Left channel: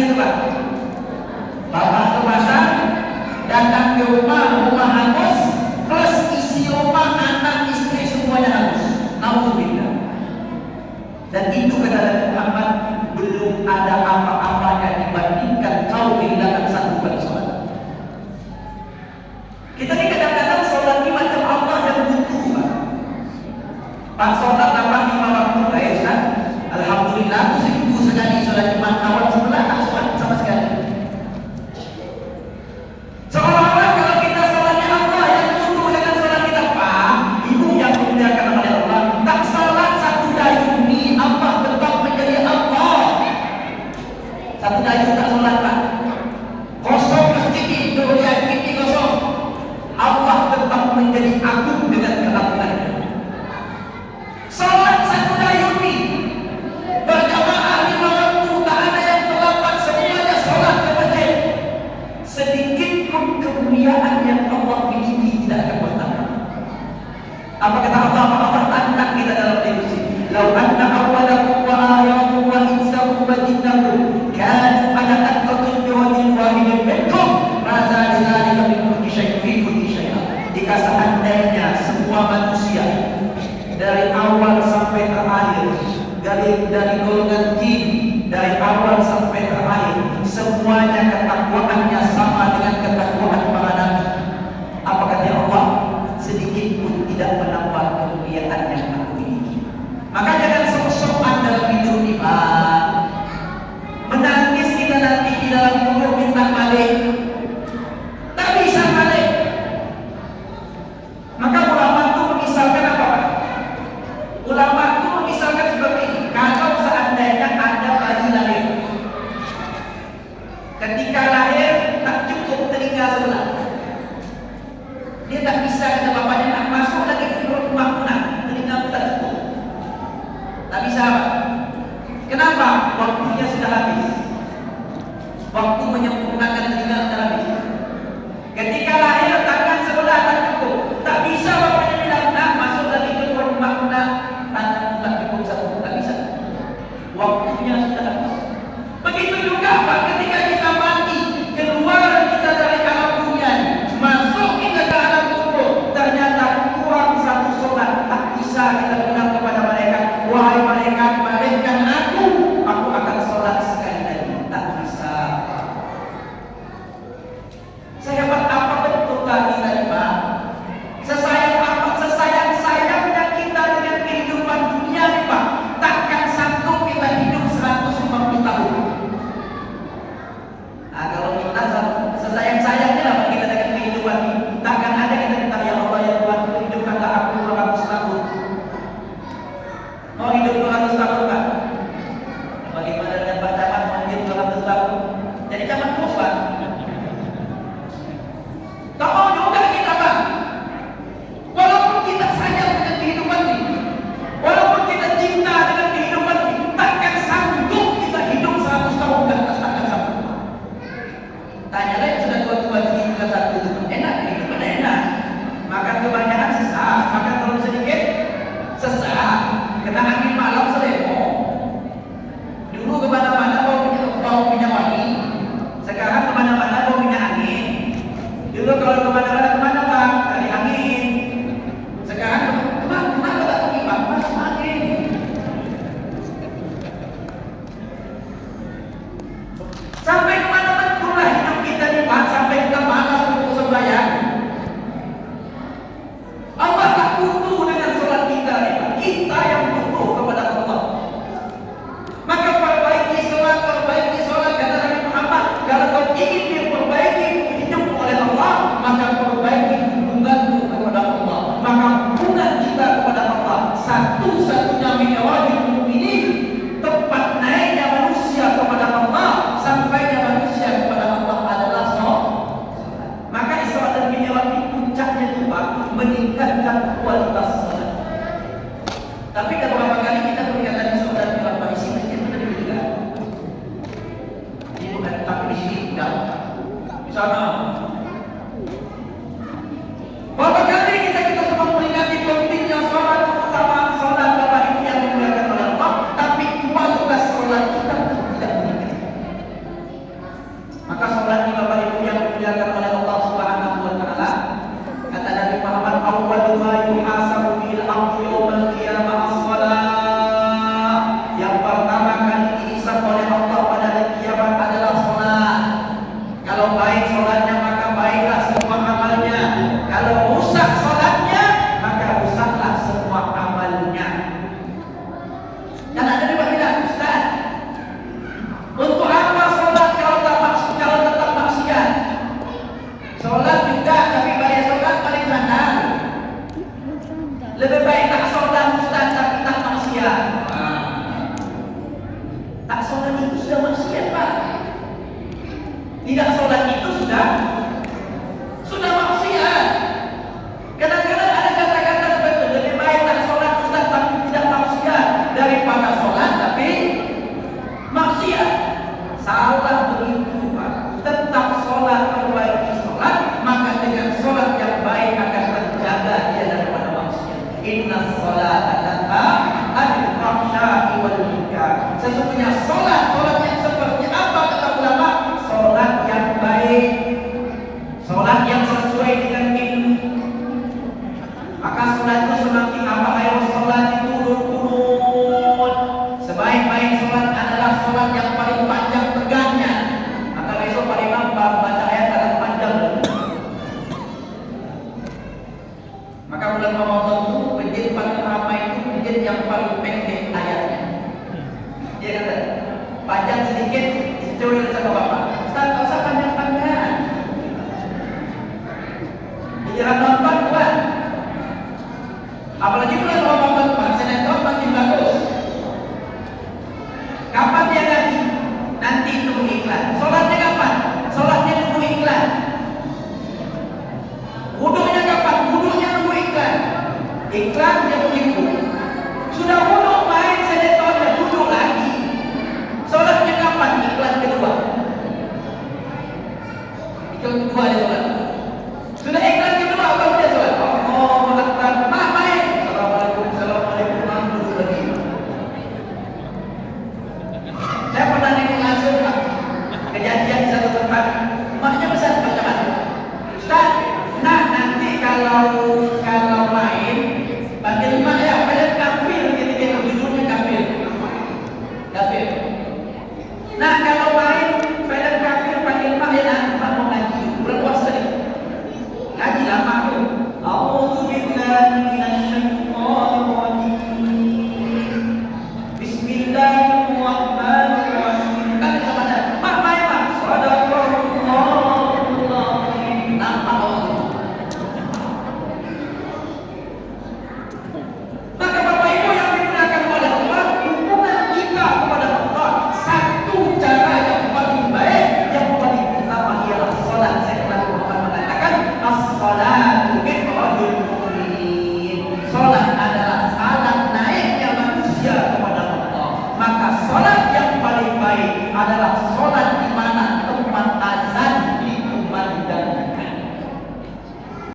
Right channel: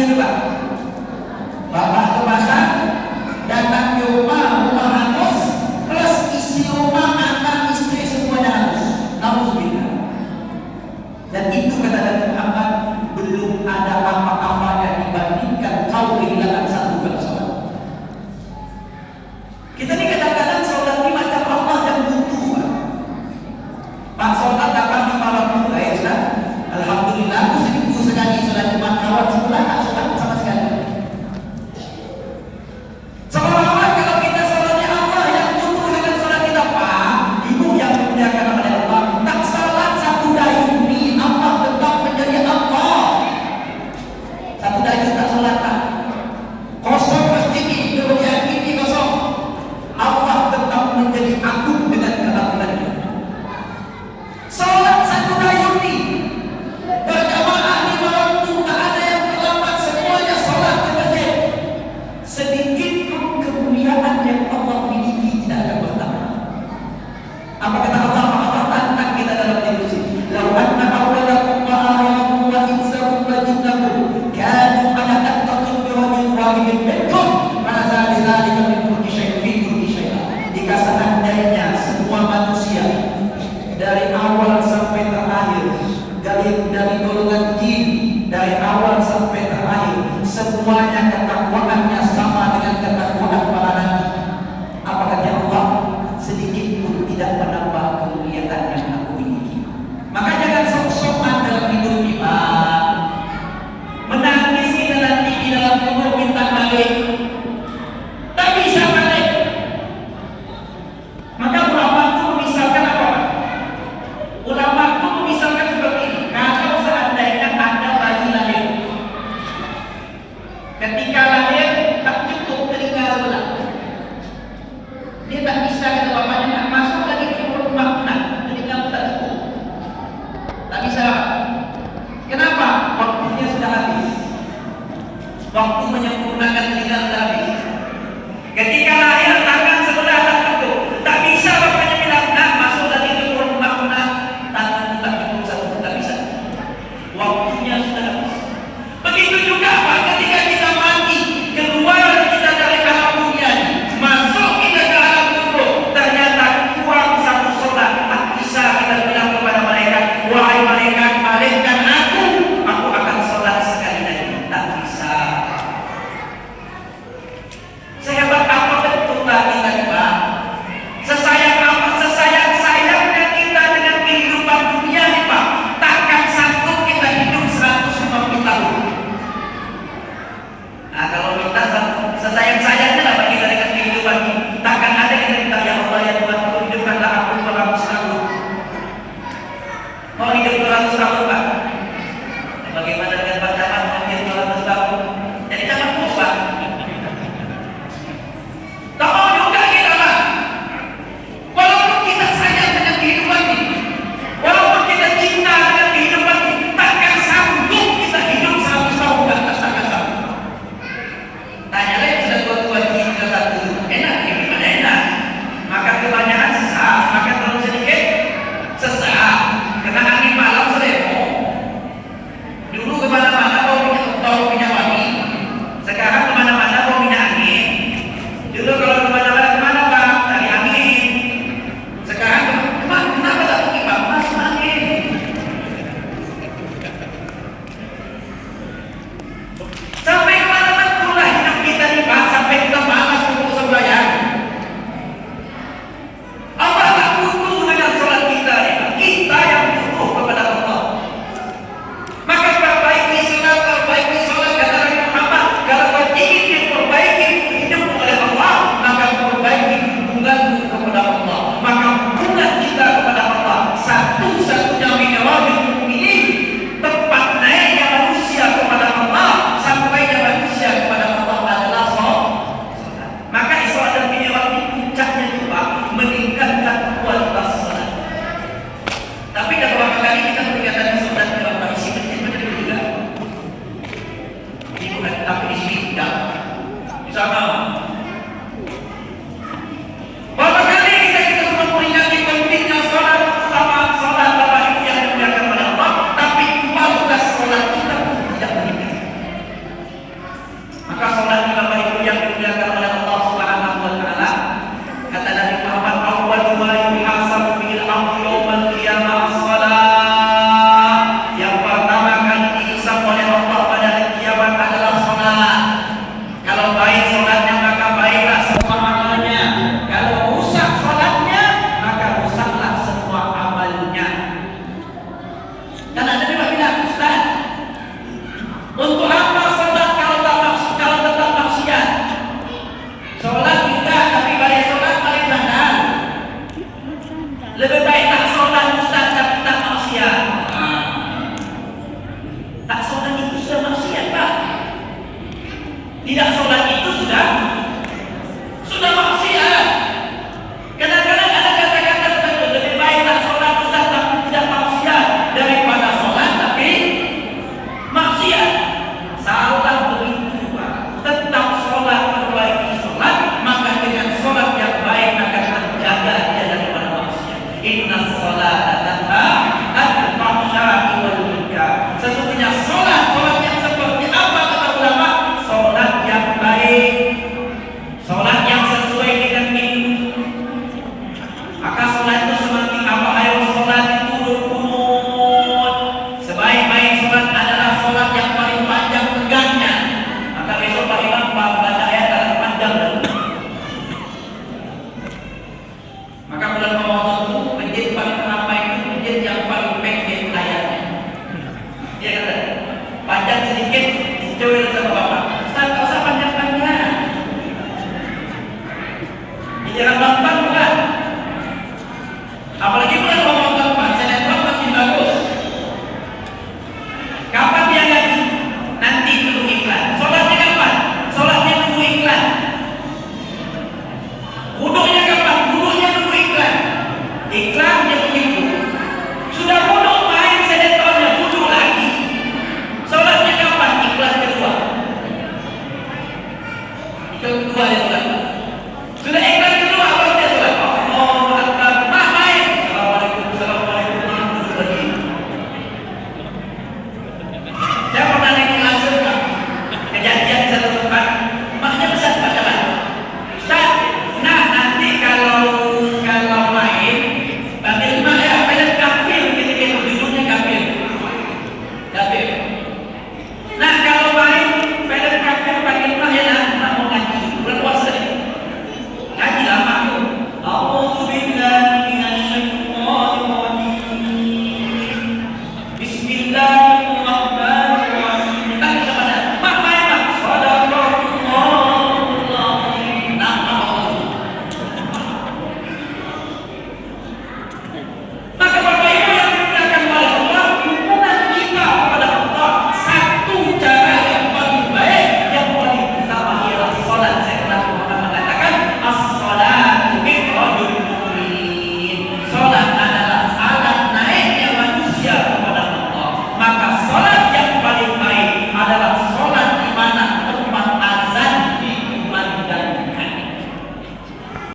gitu Pak. Bapak ke pasar, datang ke rumah hangus, plus isi rumah, anak, istri semuanya hangus. Alhamdulillah. Dan itu kata Nabi Muhammad, belum ada apa-apanya dibandingkan kau kehilangan satu bulan sholat. Kita ini kadang-kadang sholat ini macam Allah yang butuh Pak. Sholat datang di malam pun baik kan? Alhamdulillah, aku seminggu sekali sholat Jumat, kawan sebelah tak sholat sama sekali. Seolah-olah kalau kita sholatnya Allah yang butuh dengan sholat kita Pak, ibu yang dimuliakan oleh Allah, tak sholat satu dayung ini Allah tetap menjadi Allah. Satu dayung tak sholat Pak, kosong masjid ini, yakin ini kosong, Allah tetap menjadi agung dengan keagungannya. Sholat satu dayung ini berjamaah 5 waktu, tak ada yang terlambat, semuanya sholat ke masjid. Sedikit pun kemuliaan yang Allah miliki tidak akan bertambah. Apa kata Allah? Allah tantang kita dalam diskusi. Lau anna awwalakum wa akhirakum wa insakum wa jinnakum kanu ala atqatin bi wajhin wahidin minkum ma zada dzalika min mulki syai'in fi mulki syai'in. Jika seandainya semua manusia dari awal sampai terakhir, dari golongan jin, dari awal sampai terakhir, semuanya ketakwaannya sama dengan ketakwaan para nabi, apa kata Allah? Sedikit pun tidak menambah kemuliaan yang aku miliki. Maka jangan sok-sokan dalam hidup ini Pak. Menangis kita nanti di dalam kubur minta balik, tak bisa balik. Maka ulama itu memisahkan apa? Ulama itu memisahkan seperti ini. Kalau seandainya ada bayi lahir, ketika lahir tak cukup telinga sebelah, dia tak bisa kata bapaknya nak masuk lagi ke perut makna, telinga pun tak cukup, tak bisa. Kenapa? Waktunya sudah habis. Waktu menyempurnakan telinga sudah habis. Ketika lahir tangan sebelah tak cukup, tak bisa bapaknya bilang nak masuk lagi ke perut makna, tangan tak cukup satu, tak bisa. Waktunya sudah habis. Begitu juga Pak, ketika kita mati, keluar kita dari alam dunia, masuk kita ke alam kubur, ternyata kurang satu sholat, tak bisa kita bilang kepada malaikat, wahai malaikat, balikkan aku akan sholat sekali lagi, tak bisa. Sehebat apa betul tadi Pak? Sesayang apa, sesayang-sayangnya kita dengan kehidupan dunia nih Pak, takkan sanggup kita hidup 150 tahun. Nah kalau kita sesayang-sayangnya lah bagi kita dengan kehidupan ini, takkan ada kita minta ya Allah ya Tuhan, hidupkanlah aku 200 tahun. Mau hidup 200 tahun Pak? Bagaimana dengan Pak Camat mau hidup 200 tahun? Jadi camat bos Pak. Tak mau juga kita Pak. Walaupun kita sayang dengan kehidupan ini, walaupun kita cinta dengan kehidupan ini, takkan sanggup kita hidup 100 tahun ke atas, takkan sanggup. Tanya lagi sudah tua-tua ini sudah satu, enak ya, gimana enak? Makan kebanyakan sesak, makan terlalu sedikit sesak, kena angin malam selemo. Dulu kemana Tidak sholat itu sudah maksiat. Kadang-kadang ada kata-kata seperti itu, lebih baiklah sholat Ustaz tapi tidak maksiat daripada sholat tapi maksiat. Salah begitu Pak. Tetap sholat perbaiki sholat, maka dengan sholat yang baik akan terjaga dia daripada maksiat. Inna sholata tanha anil fahsya'i wal munkar. Sesungguhnya sholat yang seperti apa kata ulama? Sholat yang baik, sholat yang sesuai dengan ilmu. Maka sholat itu semakin apa? Ayo sholat diturun-turun. Sebaik-baik sholat adalah sholat yang paling panjang tegaknya. Maka besok Pak Imam baca ayat dalam panjang. Maka bulan Ramadan itu masjid paling ramai itu masjid yang paling pendek ayatnya. Dia kata panjang sedikit dicuri sama Bapak.